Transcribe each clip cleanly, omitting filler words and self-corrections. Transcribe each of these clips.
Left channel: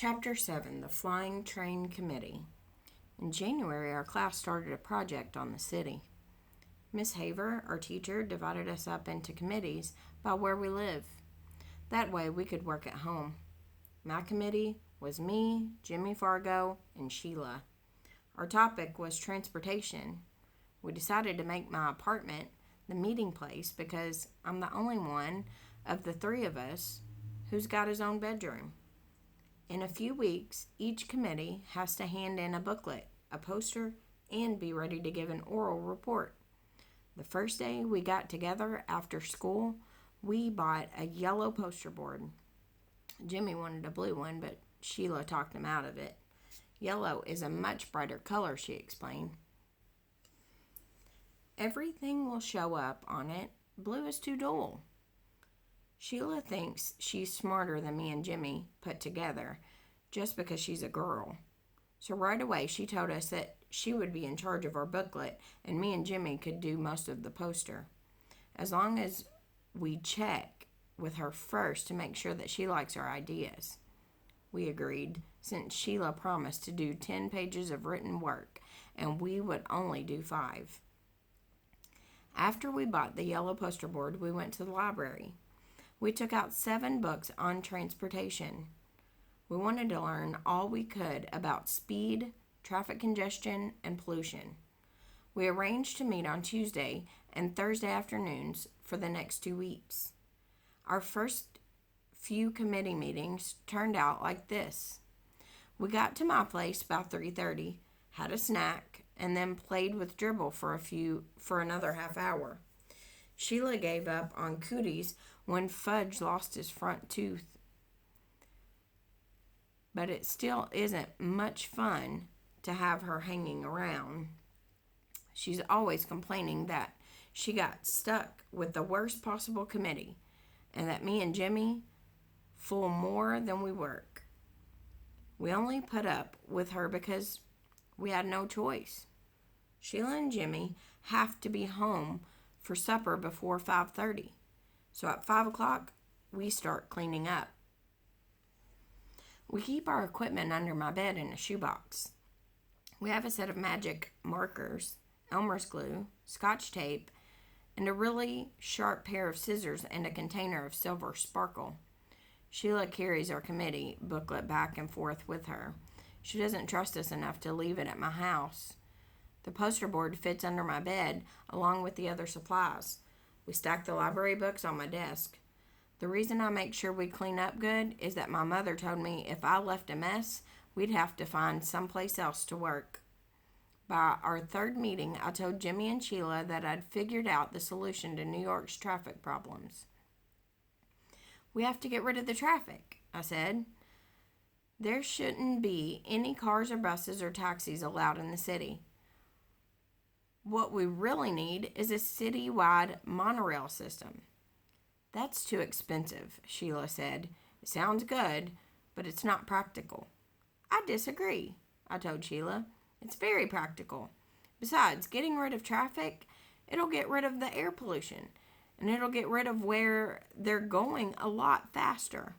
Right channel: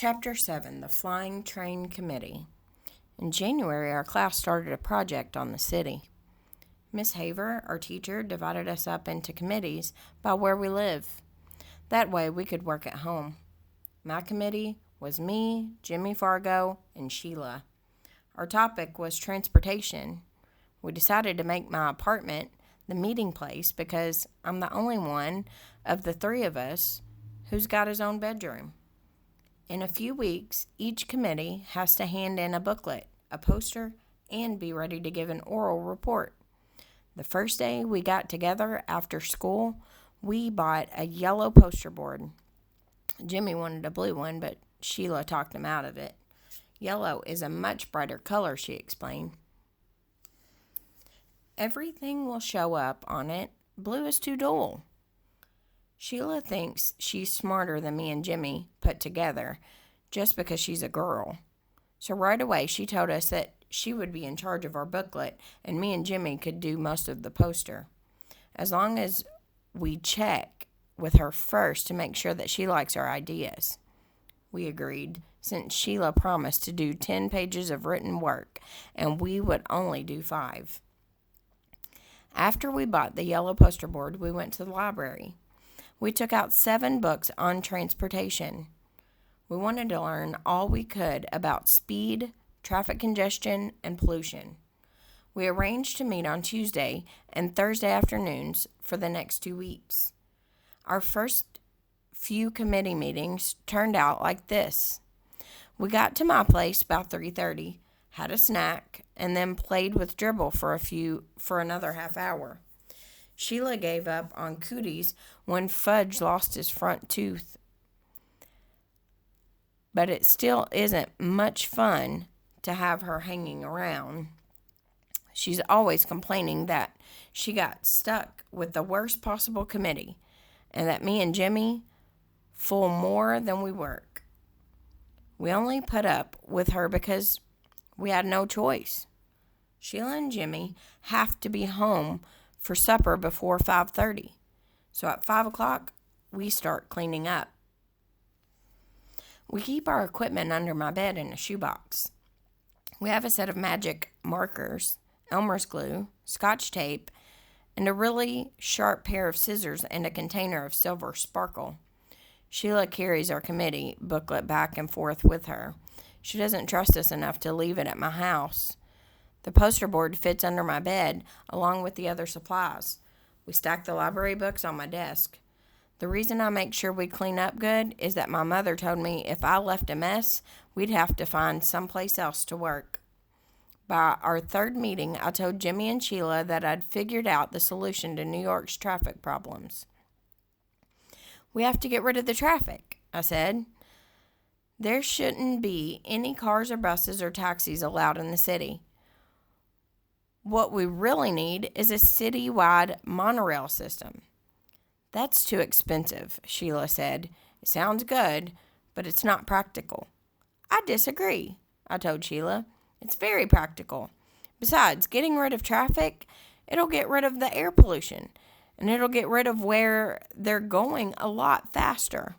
Chapter 7, The Flying Train Committee. In January, our class started a project on the city. Miss Haver, our teacher, divided us up into committees by where we live. That way we could work at home. My committee was me, Jimmy Fargo, and Sheila. Our topic was transportation. We decided to make my apartment the meeting place because I'm the only one of the three of us who's got his own bedroom. In a few weeks, each committee has to hand in a booklet, a poster, and be ready to give an oral report. The first day we got together after school, we bought a yellow poster board. Jimmy wanted a blue one, but Sheila talked him out of it. Yellow is a much brighter color, she explained. Everything will show up on it. Blue is too dull. Sheila thinks she's smarter than me and Jimmy put together just because she's a girl. So right away she told us that she would be in charge of our booklet and me and Jimmy could do most of the poster. As long as we check with her first to make sure that she likes our ideas. We agreed, since Sheila promised to do 10 pages of written work and we would only do 5. After we bought the yellow poster board, we went to the library. We took out 7 books on transportation. We wanted to learn all we could about speed, traffic congestion, and pollution. We arranged to meet on Tuesday and Thursday afternoons for the next 2 weeks. Our first few committee meetings turned out like this. We got to my place about 3:30, had a snack, and then played with dribble for another half hour. Sheila gave up on cooties when Fudge lost his front tooth. But it still isn't much fun to have her hanging around. She's always complaining that she got stuck with the worst possible committee and that me and Jimmy fool more than we work. We only put up with her because we had no choice. Sheila and Jimmy have to be home for supper before 5:30. So at 5 o'clock, we start cleaning up. We keep our equipment under my bed in a shoebox. We have a set of magic markers, Elmer's glue, Scotch tape, and a really sharp pair of scissors and a container of silver sparkle. Sheila carries our committee booklet back and forth with her. She doesn't trust us enough to leave it at my house. The poster board fits under my bed along with the other supplies. We stack the library books on my desk. The reason I make sure we clean up good is that my mother told me if I left a mess, we'd have to find someplace else to work. By our 3rd meeting, I told Jimmy and Sheila that I'd figured out the solution to New York's traffic problems. We have to get rid of the traffic, I said. There shouldn't be any cars or buses or taxis allowed in the city. What we really need is a citywide monorail system. That's too expensive, Sheila said. It sounds good, but it's not practical. I disagree, I told Sheila. It's very practical. Besides, getting rid of traffic, it'll get rid of the air pollution, and it'll get rid of where they're going a lot faster.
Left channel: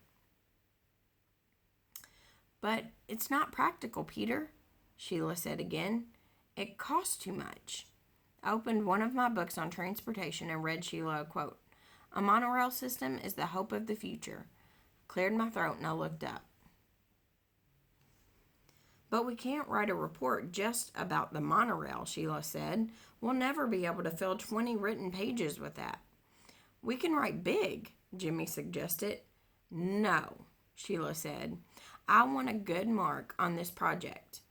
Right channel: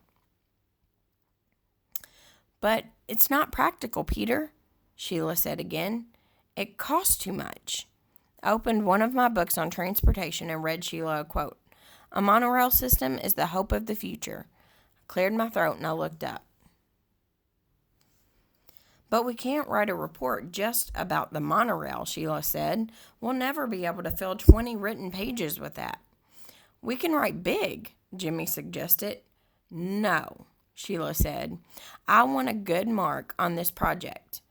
But it's not practical, Peter, Sheila said again. It costs too much. I opened one of my books on transportation and read Sheila a quote. A monorail system is the hope of the future. I cleared my throat and I looked up. But we can't write a report just about the monorail, Sheila said. We'll never be able to fill 20 written pages with that. We can write big, Jimmy suggested. No, Sheila said. I want a good mark on this project.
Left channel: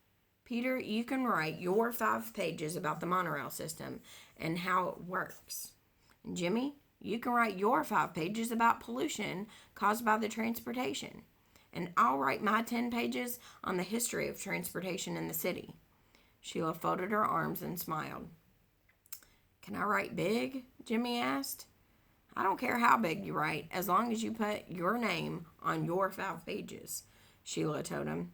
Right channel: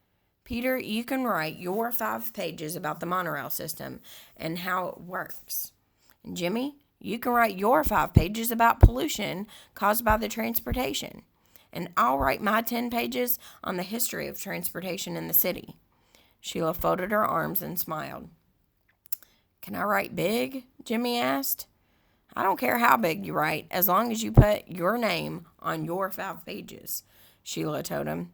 Peter, you can write your 5 pages about the monorail system and how it works. And Jimmy, you can write your 5 pages about pollution caused by the transportation. And I'll write my 10 pages on the history of transportation in the city. Sheila folded her arms and smiled. Can I write big? Jimmy asked. I don't care how big you write, as long as you put your name on your 5 pages, Sheila told him.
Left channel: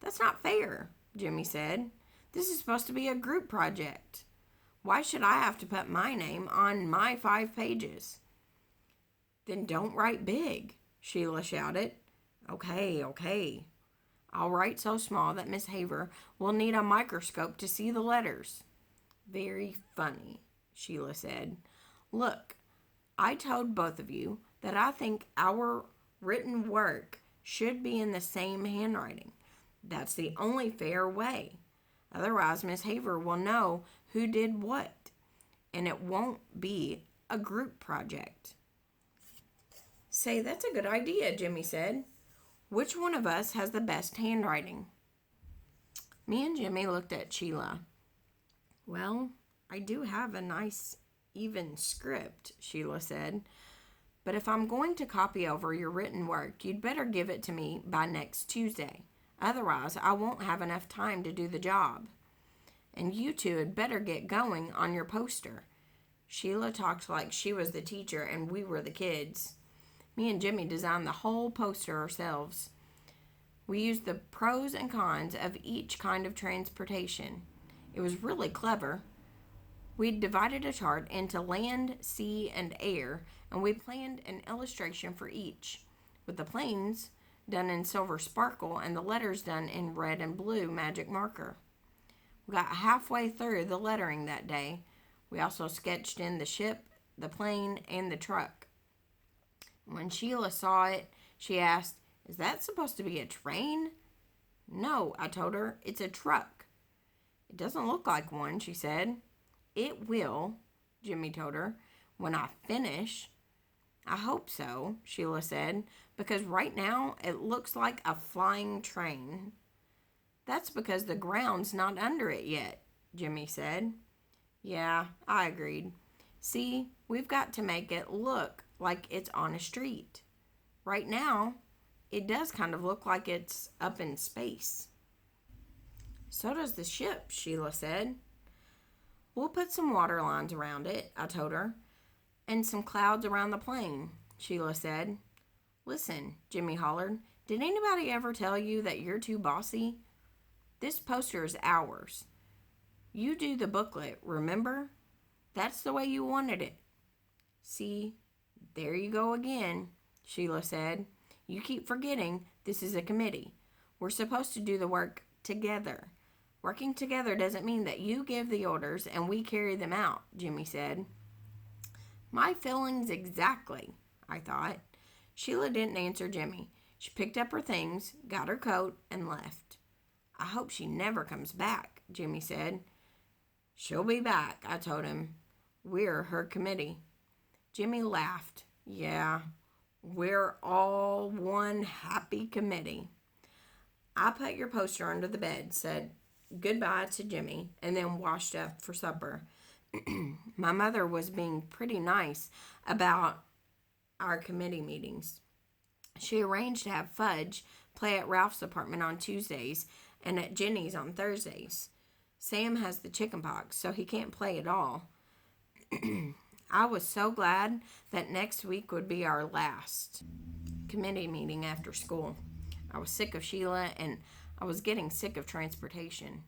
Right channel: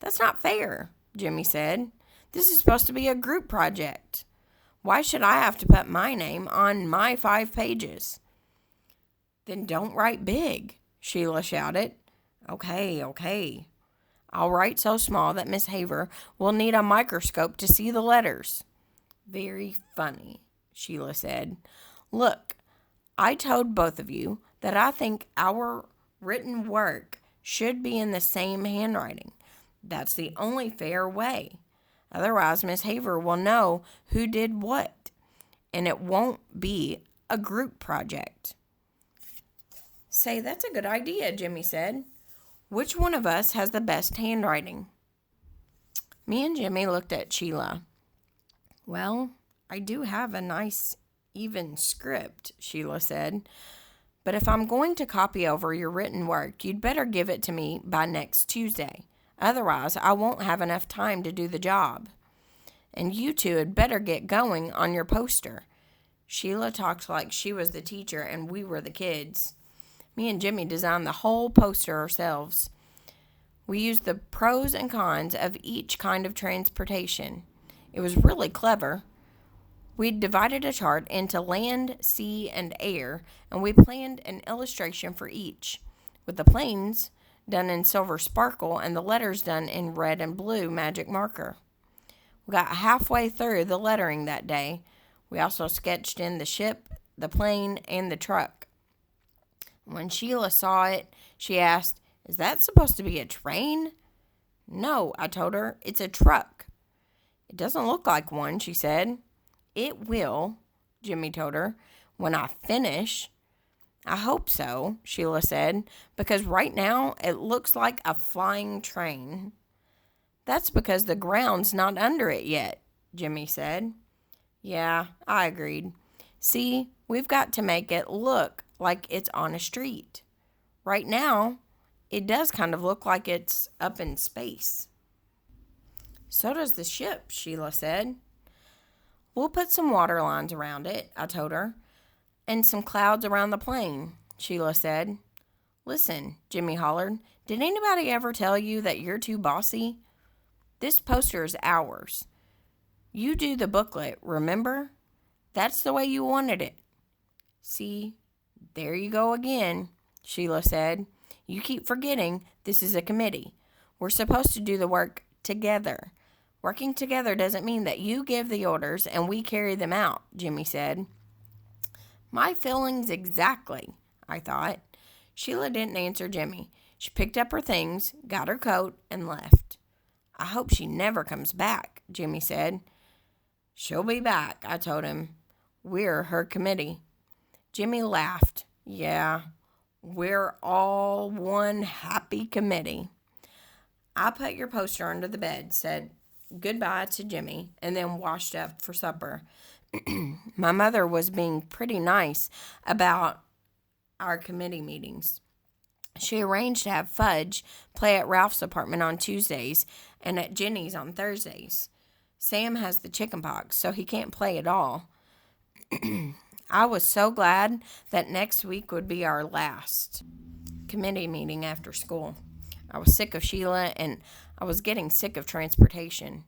That's not fair, Jimmy said. This is supposed to be a group project. Why should I have to put my name on my 5 pages? Then don't write big, Sheila shouted. Okay. I'll write so small that Miss Haver will need a microscope to see the letters." "Very funny," Sheila said. "Look, I told both of you that I think our written work should be in the same handwriting. That's the only fair way. Otherwise, Miss Haver will know who did what, and it won't be a group project." "Say, that's a good idea," Jimmy said. "Which one of us has the best handwriting?" Me and Jimmy looked at Sheila. "Well, I do have a nice, even script," Sheila said. "But if I'm going to copy over your written work, you'd better give it to me by next Tuesday. Otherwise, I won't have enough time to do the job. And you two had better get going on your poster." Sheila talked like she was the teacher and we were the kids. Me and Jimmy designed the whole poster ourselves. We used the pros and cons of each kind of transportation. It was really clever. We'd divided a chart into land, sea, and air, and we planned an illustration for each, with the planes done in silver sparkle and the letters done in red and blue magic marker. We got halfway through the lettering that day. We also sketched in the ship, the plane, and the truck. When Sheila saw it, she asked, "Is that supposed to be a train?" "No," I told her. "It's a truck." "It doesn't look like one," she said. "It will," Jimmy told her, "when I finish." "I hope so," Sheila said, "because right now it looks like a flying train." "That's because the ground's not under it yet," Jimmy said. "Yeah," I agreed. "See, we've got to make it look like it's on a street. Right now, it does kind of look like it's up in space." "So does the ship," Sheila said. "We'll put some water lines around it," I told her. "And some clouds around the plane," Sheila said. "Listen," Jimmy hollered, "did anybody ever tell you that you're too bossy? This poster is ours. You do the booklet, remember? That's the way you wanted it." "See, there you go again," Sheila said. "You keep forgetting this is a committee. We're supposed to do the work together. Working together doesn't mean that you give the orders and we carry them out," Jimmy said. My feelings exactly, I thought. Sheila didn't answer Jimmy. She picked up her things, got her coat, and left. "I hope she never comes back," Jimmy said. "She'll be back," I told him. "We're her committee." Jimmy laughed. "Yeah, we're all one happy committee." I put your poster under the bed, said goodbye to Jimmy, and then washed up for supper. My mother was being pretty nice about our committee meetings. She arranged to have Fudge play at Ralph's apartment on Tuesdays and at Jenny's on Thursdays. Sam has the chicken pox, so he can't play at all. I was so glad that next week would be our last committee meeting after school. I was sick of Sheila, and I was getting sick of transportation.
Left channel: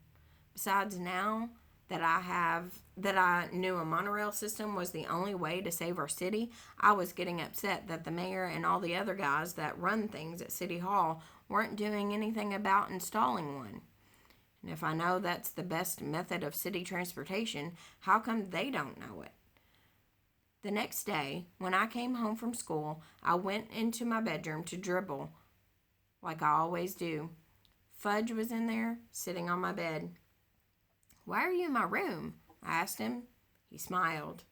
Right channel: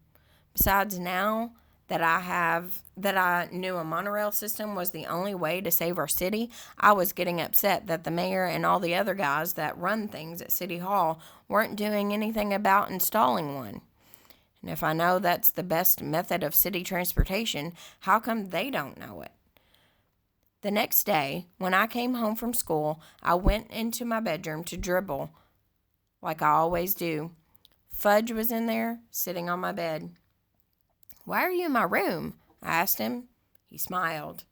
Besides, now that I knew a monorail system was the only way to save our city, I was getting upset that the mayor and all the other guys that run things at City Hall weren't doing anything about installing one. And if I know that's the best method of city transportation, how come they don't know it? The next day, when I came home from school, I went into my bedroom to dribble, like I always do. Fudge was in there, sitting on my bed. "Why are you in my room?" I asked him. He smiled.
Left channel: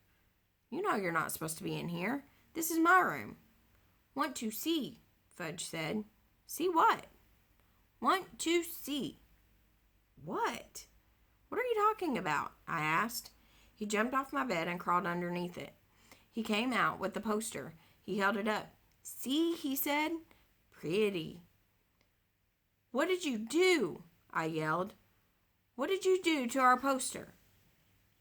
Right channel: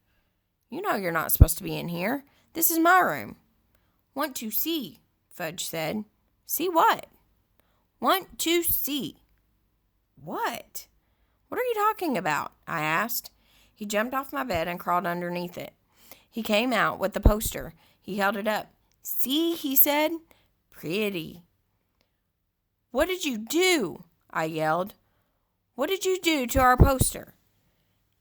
"You know you're not supposed to be in here. This is my room." "Want to see," Fudge said. "See what?" "Want to see." "What? What are you talking about?" I asked. He jumped off my bed and crawled underneath it. He came out with the poster. He held it up. "See," he said. "Pretty." "What did you do?" I yelled. "What did you do to our poster?"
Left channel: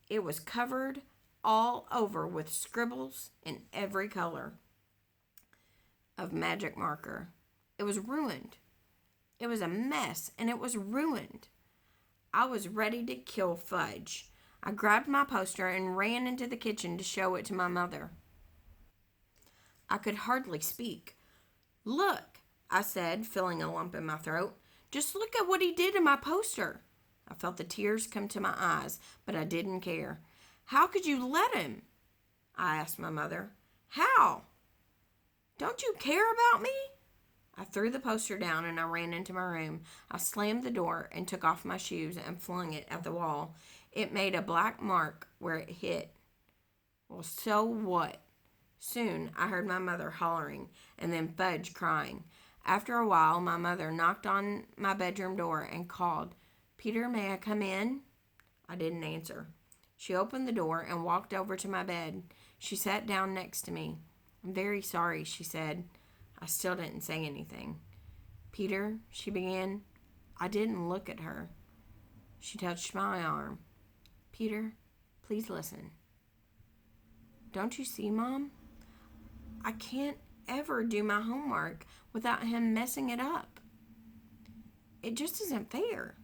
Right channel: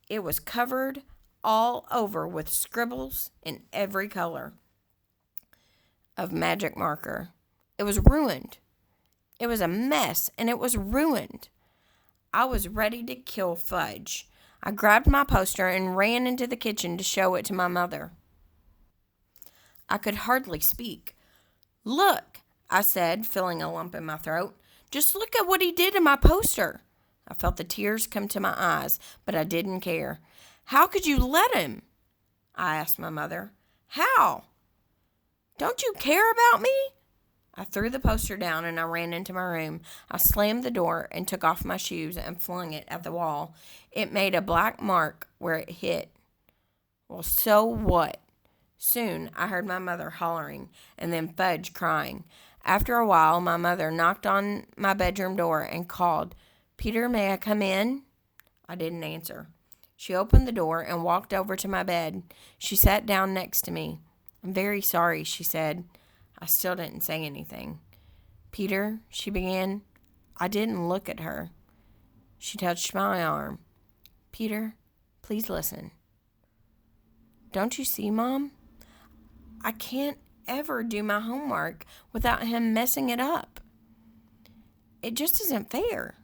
It was covered all over with scribbles in every color of magic marker. It was ruined. It was a mess, and it was ruined. I was ready to kill Fudge. I grabbed my poster and ran into the kitchen to show it to my mother. I could hardly speak. "Look," I said, feeling a lump in my throat. Just look at what he did in my poster. I felt the tears come to my eyes, but I didn't care. How could you let him? I asked my mother. How? Don't you care about me? I threw the poster down and I ran into my room. I slammed the door and took off my shoes and flung it at the wall. It made a black mark where it hit. Well, so what? Soon I heard my mother hollering and then Fudge crying. After a while, my mother knocked on my bedroom door and called, "Peter, may I come in?" I didn't answer. She opened the door and walked over to my bed. She sat down next to me. "I'm very sorry," she said. I still didn't say anything. "Peter," she began. I didn't look at her. She touched my arm. "Peter, please listen. Don't you see, Mom? I can't ever do my homework without him messing it up. It just isn't fair.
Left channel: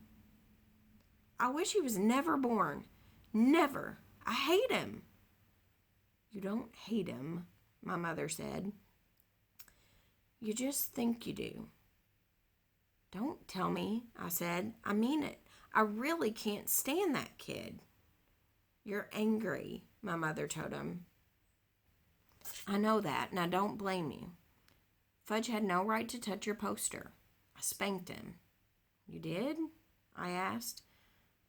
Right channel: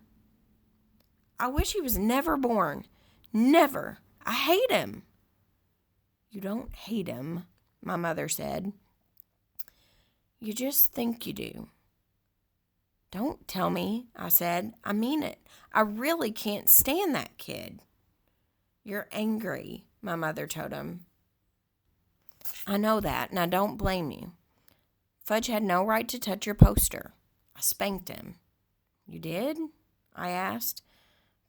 I wish he was never born. Never. I hate him." "You don't hate him," my mother said. "You just think you do." "Don't tell me," I said. "I mean it. I really can't stand that kid." "You're angry," my mother told him. "I know that, and I don't blame you. Fudge had no right to touch your poster. I spanked him." "You did?" I asked.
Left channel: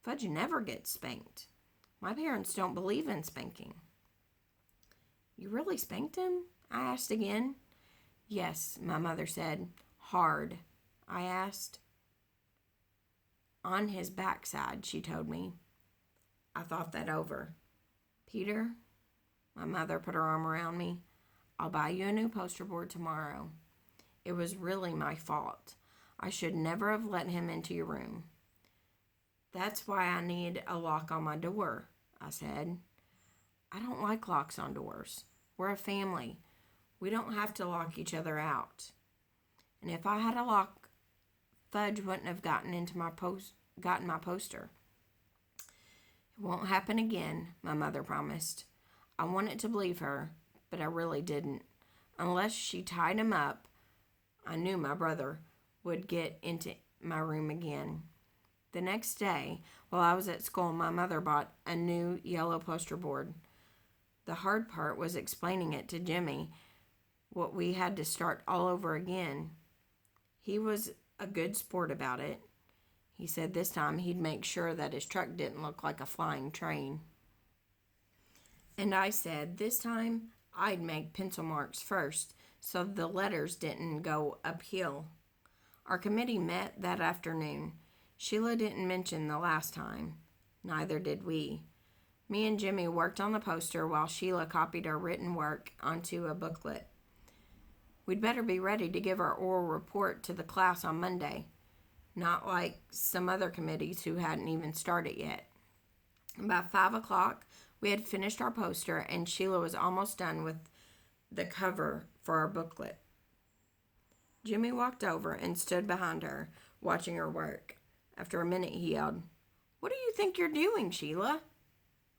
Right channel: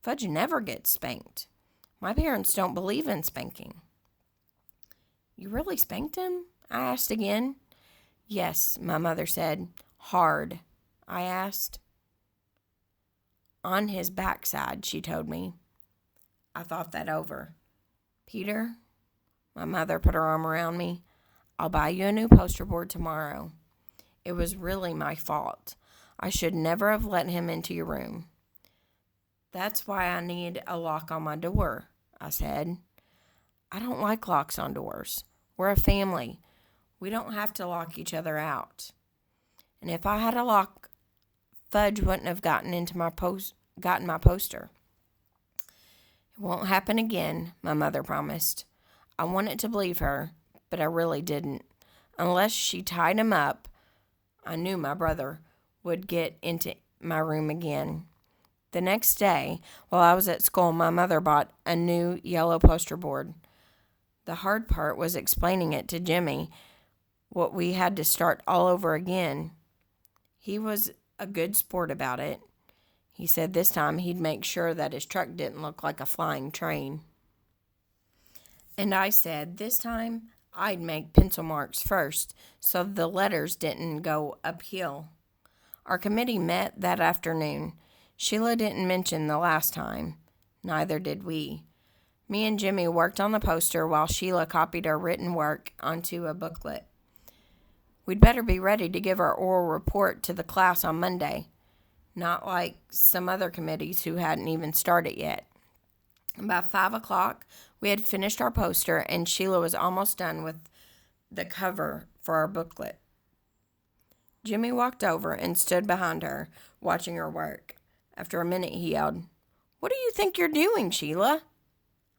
"Fudge never gets spanked. My parents don't believe in spanking." "You really spanked him?" I asked again. "Yes," my mother said. "Hard." I asked. "On his backside," she told me. I thought that over. "Peter," my mother put her arm around me, "I'll buy you a new poster board tomorrow. It was really my fault. I should never have let him into your room." "That's why I need a lock on my door," I said. "I don't like locks on doors. We're a family. We don't have to lock each other out. And if I had a lock, Fudge wouldn't have gotten my poster." "It won't happen again," my mother promised. I wanted to believe her, but I really didn't. Unless she tied him up, I knew my brother would get into my room again. The next day, while I was at school, my mother bought a new yellow poster board. The hard part was explaining it to Jimmy, what we had to start all over again. He was a good sport about it. He said this time he'd make sure that his truck didn't look like a flying train. And I said this time I'd make pencil marks first so the letters didn't go uphill. Our committee met that afternoon. Sheila didn't mention the last time. Neither did we. Me and Jimmy worked on the poster while Sheila copied our written work onto a booklet. We'd better be ready to give our oral report to the class on Monday, not like some other committees who hadn't even started yet. By 5 o'clock, we had finished our poster, and Sheila was almost done with the cover for our booklet. Jimmy walked over and stood behind her, watching her work. After a minute, he yelled, "What do you think you're doing, Sheila?"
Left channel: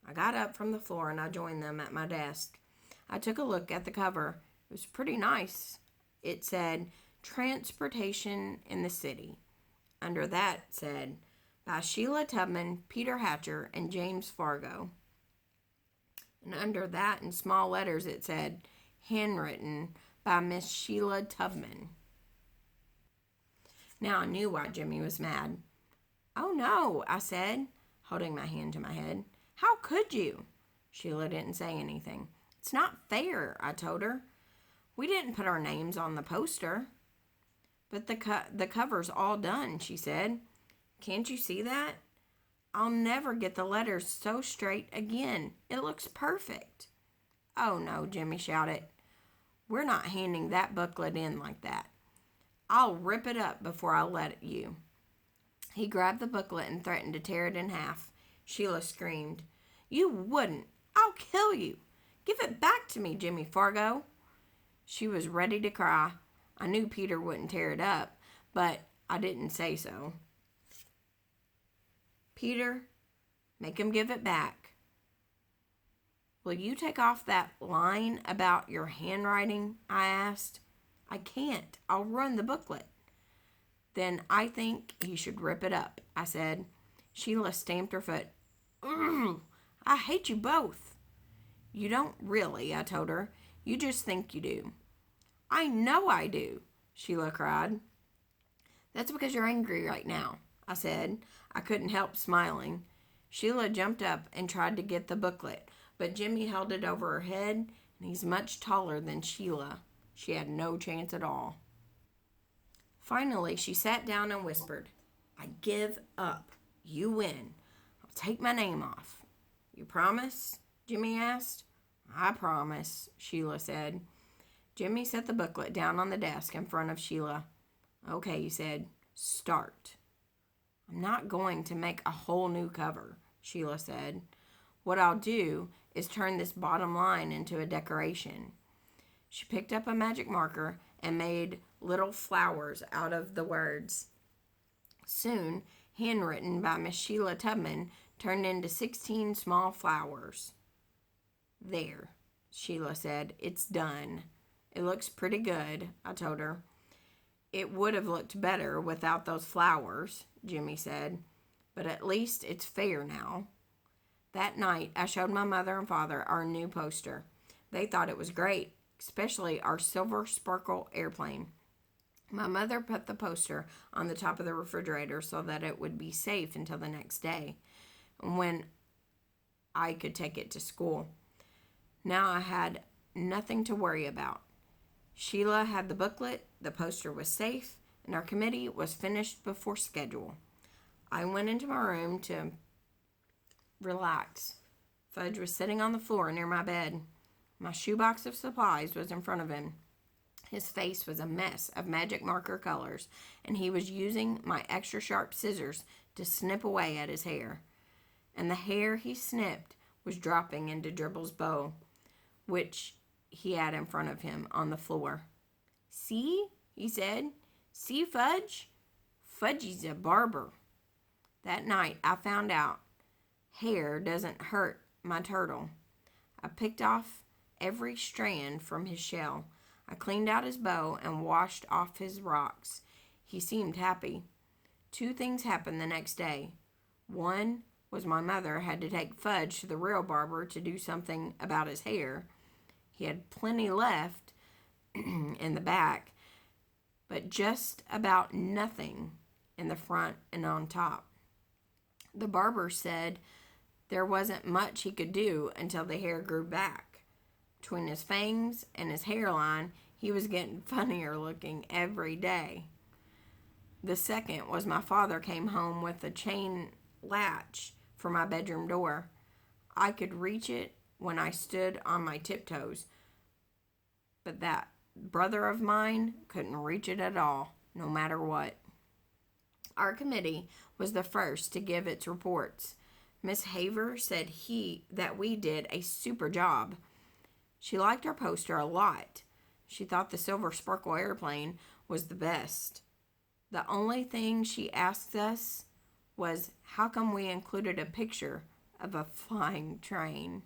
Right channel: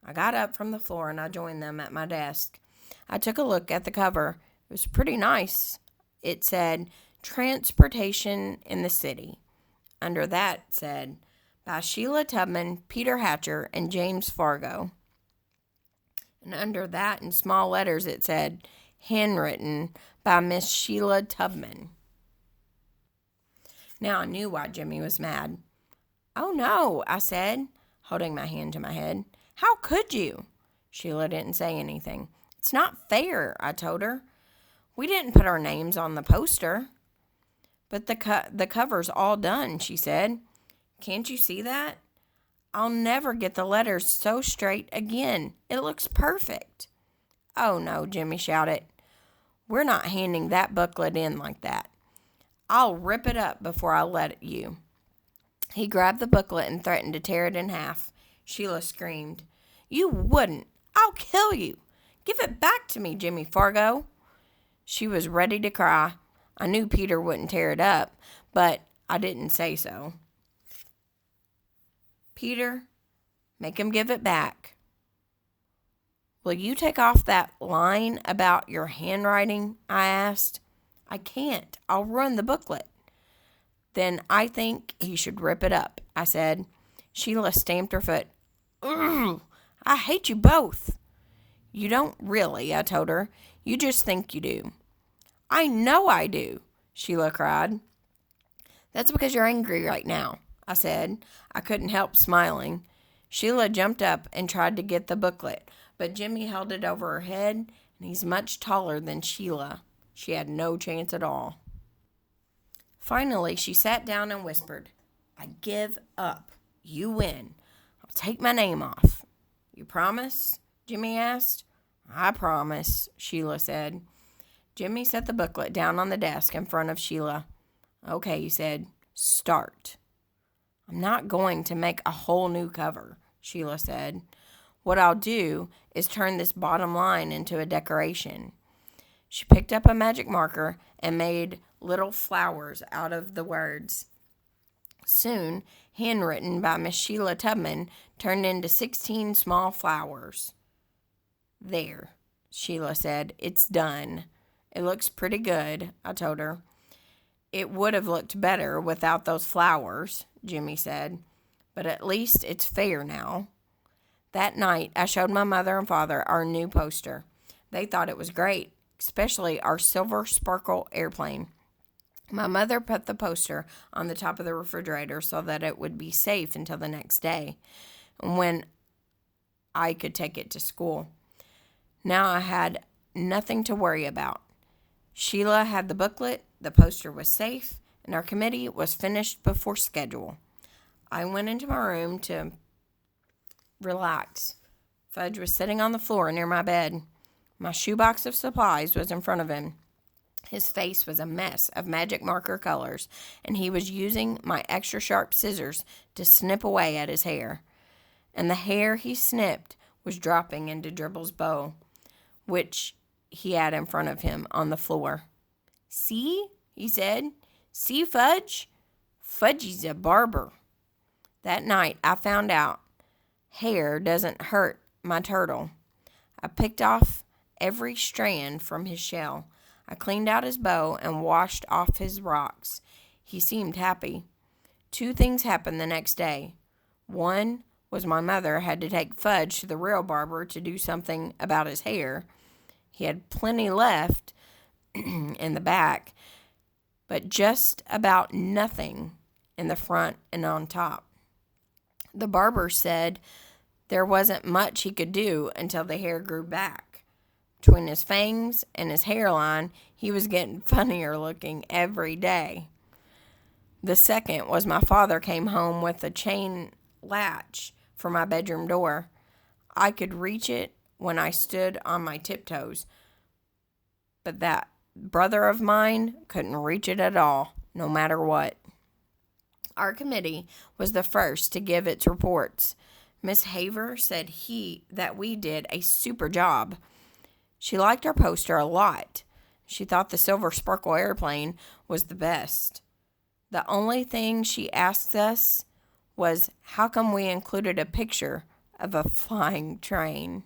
I got up from the floor and I joined them at my desk. I took a look at the cover. It was pretty nice. It said, "Transportation in the City." Under that said, "By Sheila Tubman, Peter Hatcher, and James Fargo." And under that, in small letters, it said, "Handwritten by Miss Sheila Tubman." Now I knew why Jimmy was mad. "Oh no," I said, holding my hand to my head. "How could you?" Sheila didn't say anything. "It's not fair," I told her. "We didn't put our names on the poster." "But the cover's all done," she said. "Can't you see that? I'll never get the letters so straight again. It looks perfect." "Oh no," Jimmy shouted. "We're not handing that booklet in like that. I'll rip it up before I let you." He grabbed the booklet and threatened to tear it in half. Sheila screamed, "You wouldn't! I'll kill you! Give it back to me, Jimmy Fargo!" She was ready to cry. I knew Peter wouldn't tear it up, but I didn't say so. "Peter, make him give it back." "Will you take off that line about your handwriting?" I asked. "I can't. I'll ruin the booklet." Then I think he should rip it up, I said. Sheila stamped her foot. Ugh, I hate you both. You don't really, I told her. You just think you do. I know I do, Sheila cried. That's because you're angry right now, I said. I couldn't help smiling. Sheila jumped up and tried to get the booklet, but Jimmy held it over her head, and he's much taller than Sheila. She had no chance at all. Finally, she sat down and whispered, I give up. You win. I'll take my name off. You promise? Jimmy asked. I promise, Sheila said. Jimmy set the booklet down on the desk in front of Sheila. Okay, he said. Start. I'm not going to make a whole new cover, Sheila said. What I'll do is turn this bottom line into a decoration. She picked up a magic marker and made little flowers out of the words. Soon, handwritten by Miss Sheila Tubman, turned into 16 small flowers. There, Sheila said. It's done. It looks pretty good, I told her. It would have looked better without those flowers, Jimmy said. But at least it's fair now. That night, I showed my mother and father our new poster. They thought it was great, especially our silver sparkle airplane. My mother put the poster on the top of the refrigerator so that it would be safe until the next day, when I could take it to school. Now I had nothing to worry about. Sheila had the booklet, the poster was safe, and our committee was finished before schedule. I went into my room to relax. Fudge was sitting on the floor near my bed. My shoebox of supplies was in front of him. His face was a mess of magic marker colors, and he was using my extra sharp scissors to snip away at his hair. And the hair he snipped was dropping into Dribble's bow, which he had in front of him on the floor. See, he said. See, Fudge? Fudgy's a barber. That night, I found out hair doesn't hurt my turtle. I picked off every strand from his shell. I cleaned out his bow and washed off his rocks. He seemed happy. 2 things happened the next day. One was my mother had to take Fudge to the real barber to do something about his hair. He had plenty left in the back, but just about nothing in the front and on top. The barber said there wasn't much he could do until the hair grew back. Between his fangs and his hairline, he was getting funnier looking every day. The second was my father came home with a chain latch for my bedroom door. I could reach it when I stood on my tiptoes, but that brother of mine couldn't reach it at all, no matter what. Our committee was the first to give its reports. Miss Haver said that we did a super job. She liked our poster a lot. She thought the silver sparkle airplane was the best. The only thing she asked us was how come we included a picture of a flying train.